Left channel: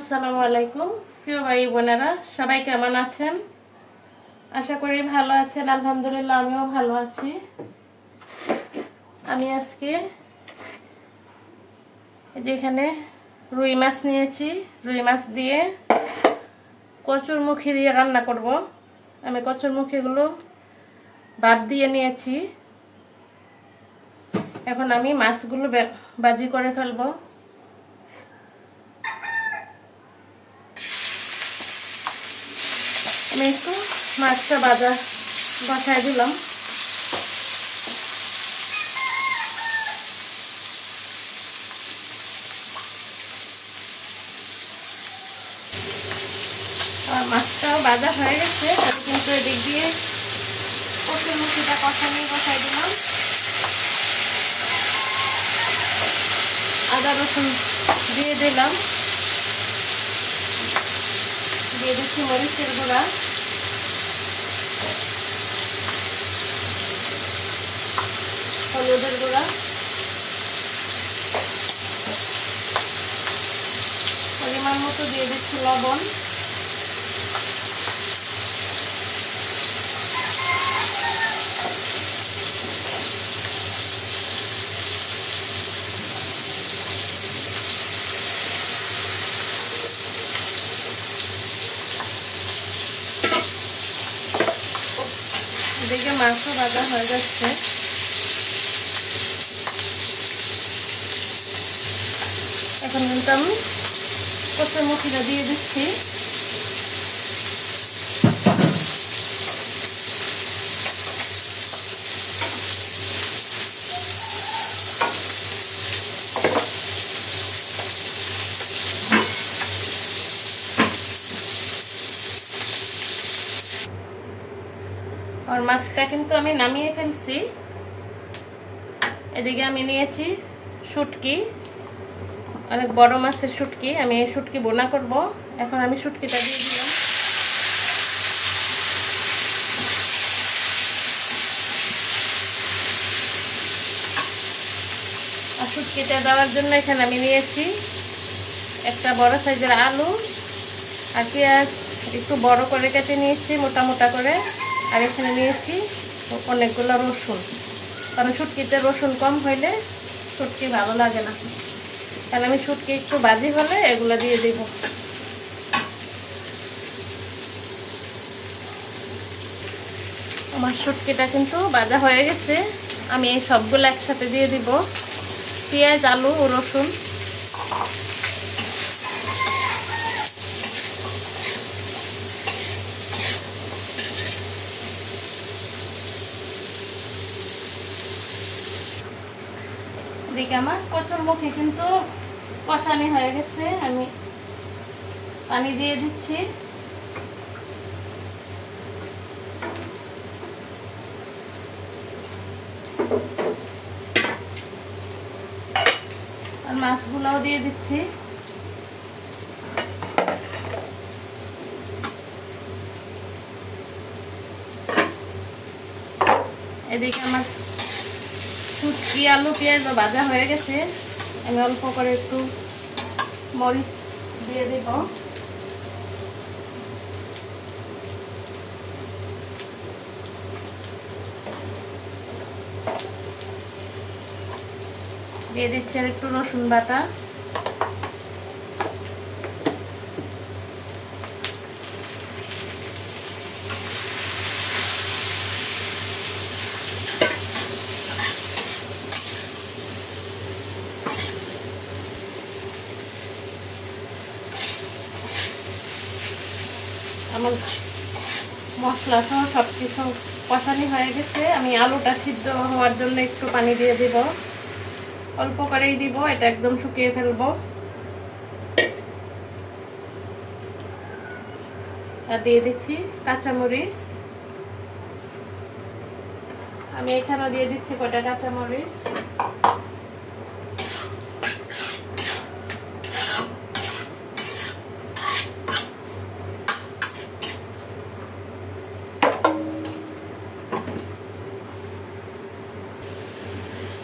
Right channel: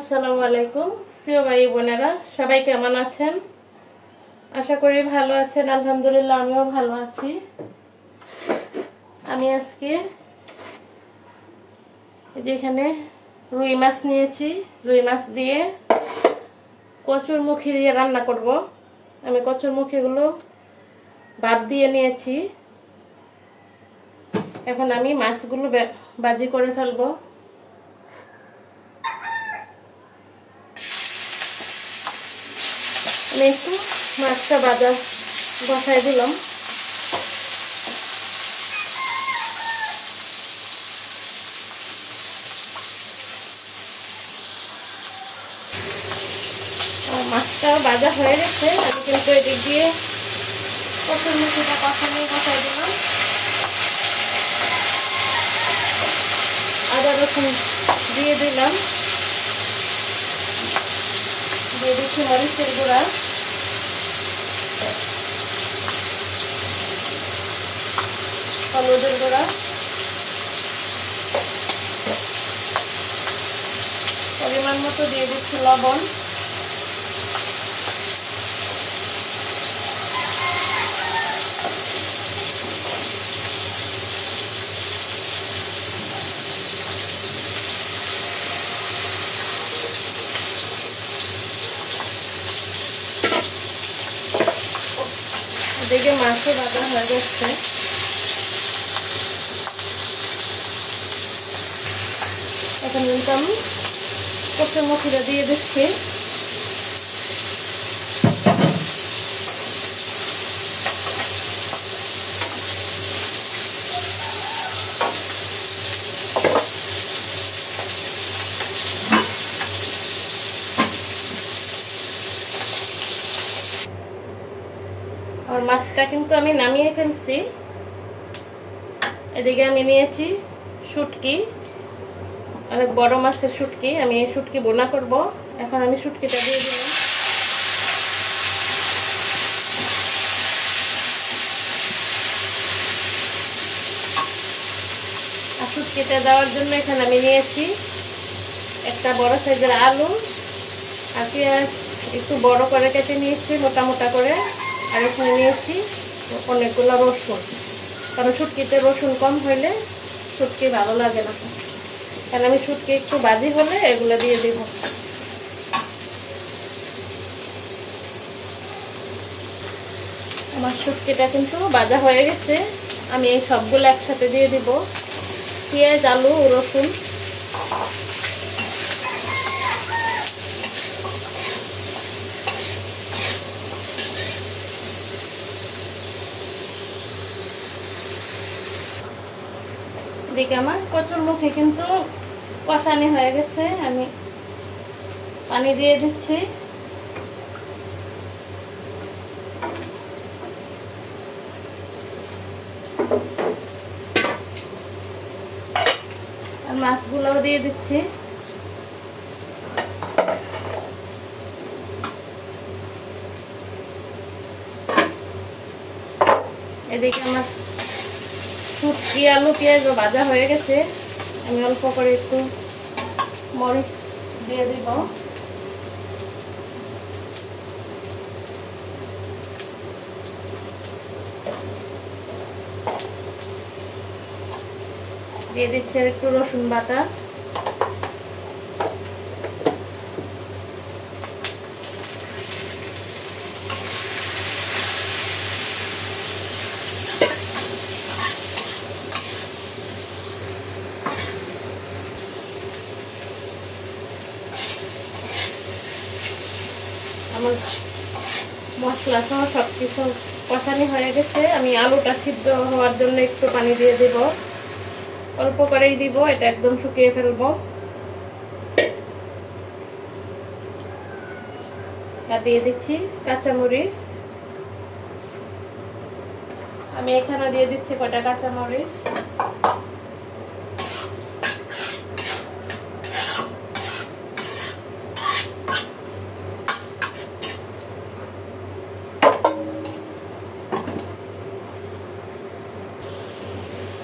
আসসালামু আলাইকুম প্রিয় ভাই বোনেরা, সবাই কেমন আছেন? আশা করি ভালো আছেন। আলহামদুলিল্লাহ আমিও ভালো আছি। আমি আজকে এখানে রুই মাছ নিয়েছি। রুই মাছ দিয়ে কচুরমুখী দিয়ে রান্না করব। আমি কচুরমুখীগুলো ভাপ দিয়ে নিয়েছি। এখন আমি মাছগুলো ভাজি করে ফেলবো। আমি একটু মাছটা বসাই দিলাম। আর মাছটা ভাজা হয়ে গেছে। আমি কিন্তু এদিক দিয়ে কচুরমুখীটা বসাই দিলাম। আদা রসুন দিয়ে দিলাম। দিয়ে দিচ্ছি মরিচের গুঁড়া, হলুদের গুঁড়া, পরিমাণ মতো দিয়ে দিচ্ছি লবণ। এদিকে মাছও ভাজা হয়ে যাচ্ছে। এখন আমি কচুরমুখীটা দিয়ে দিচ্ছি। আর মাছটা কিন্তু আমি নামিয়ে ফেলছি। এদিকে আমি নিয়েছি শুটকি, অনেক বড় মাছের শুটকি। আমি এই শুটকি বোনা করব। এখন আমি শুটকিটা দিয়ে দিলাম। আর শুটকিটা দেওয়ার জন্য এখানে আমি নিয়েছি একটা বড় সাইজের আলু আর পেঁয়াজ একটু বড় করে কেটে নিয়েছি মোটা মোটা করে। আর এখানে নিয়েছি অনেকগুলো রসুন, কারণ শুটকিতে রসুন কম হইলে শুটকি ভালো লাগে না। কারণ আমি শুটকি একটু ভাজি হলে এগুলো দিয়ে দেব। আমার শুটকিটা কিন্তু ভাজা হয়ে গেছে। আমি এই সবগুলো একসাথে দিয়ে দিব, পেঁয়াজ, আলু, রসুন। এদিকে আমার কচুরমুখী কিন্তু কষানি হয়ে গেছে। আমি পানি দিয়ে দিচ্ছি। মাছগুলোও দিয়ে দিচ্ছি। এদিকে আমার শুটকি, আলু, পেঁয়াজ ভাজা হয়ে গেছে। আমি অল্প করে একটু মরিচ দিয়ে দিব। দিয়ে দিচ্ছি আর একটু রসুন বাটা। আমার মশলা সহ সবকিছু কষানি হয়ে গেছে। আমি আলুটা সিদ্ধ হওয়ার জন্য একটু পানি দিয়ে দিব, অল্প করেই দিব, এটা একদম শুকিয়ে ফেলবো। আর দিয়ে দিচ্ছি কাঁচামরিচ। আমি এখানে দিয়ে দিচ্ছি কয়টা কাঁচামরিচ।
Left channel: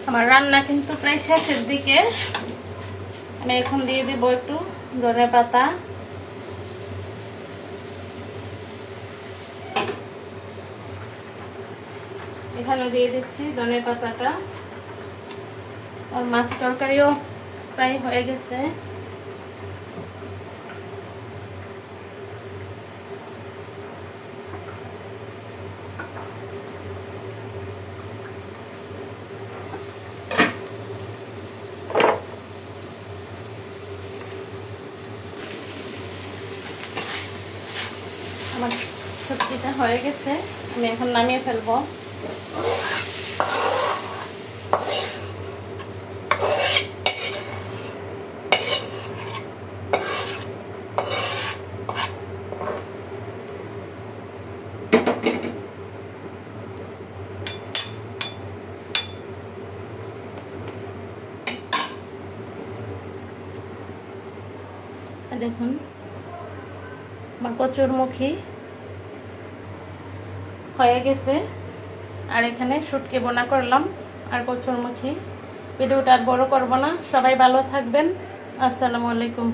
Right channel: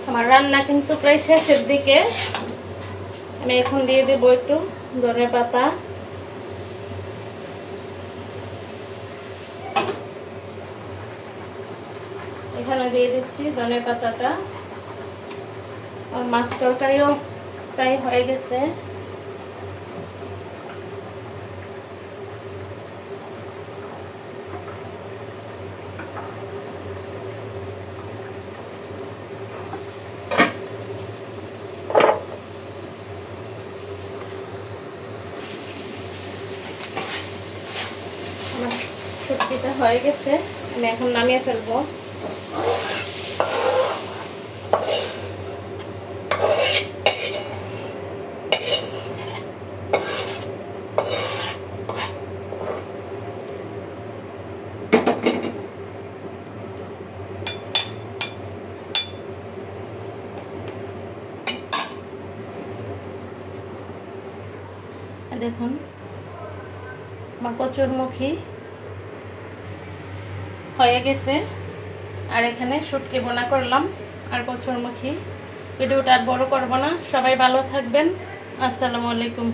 আমার রান্না কিন্তু প্রায় শেষের দিকে। আমি এখন দিয়ে দেব একটু ধনে পাতা। এখানে দিয়ে দিচ্ছি ধনে পাতাটা। আর মাছ তরকারিও প্রায় হয়ে গেছে। আমার সবজিটা হয়ে গেছে, আমি এখন নামিয়ে ফেলবো। দেখুন আমার কচুরমুখী হয়ে গেছে। আর এখানে শুটকি বোনা করলাম আর কচুরমুখী। ভিডিওটা আর বড় করব না, সবাই ভালো থাকবেন। আসসালামু আলাইকুম।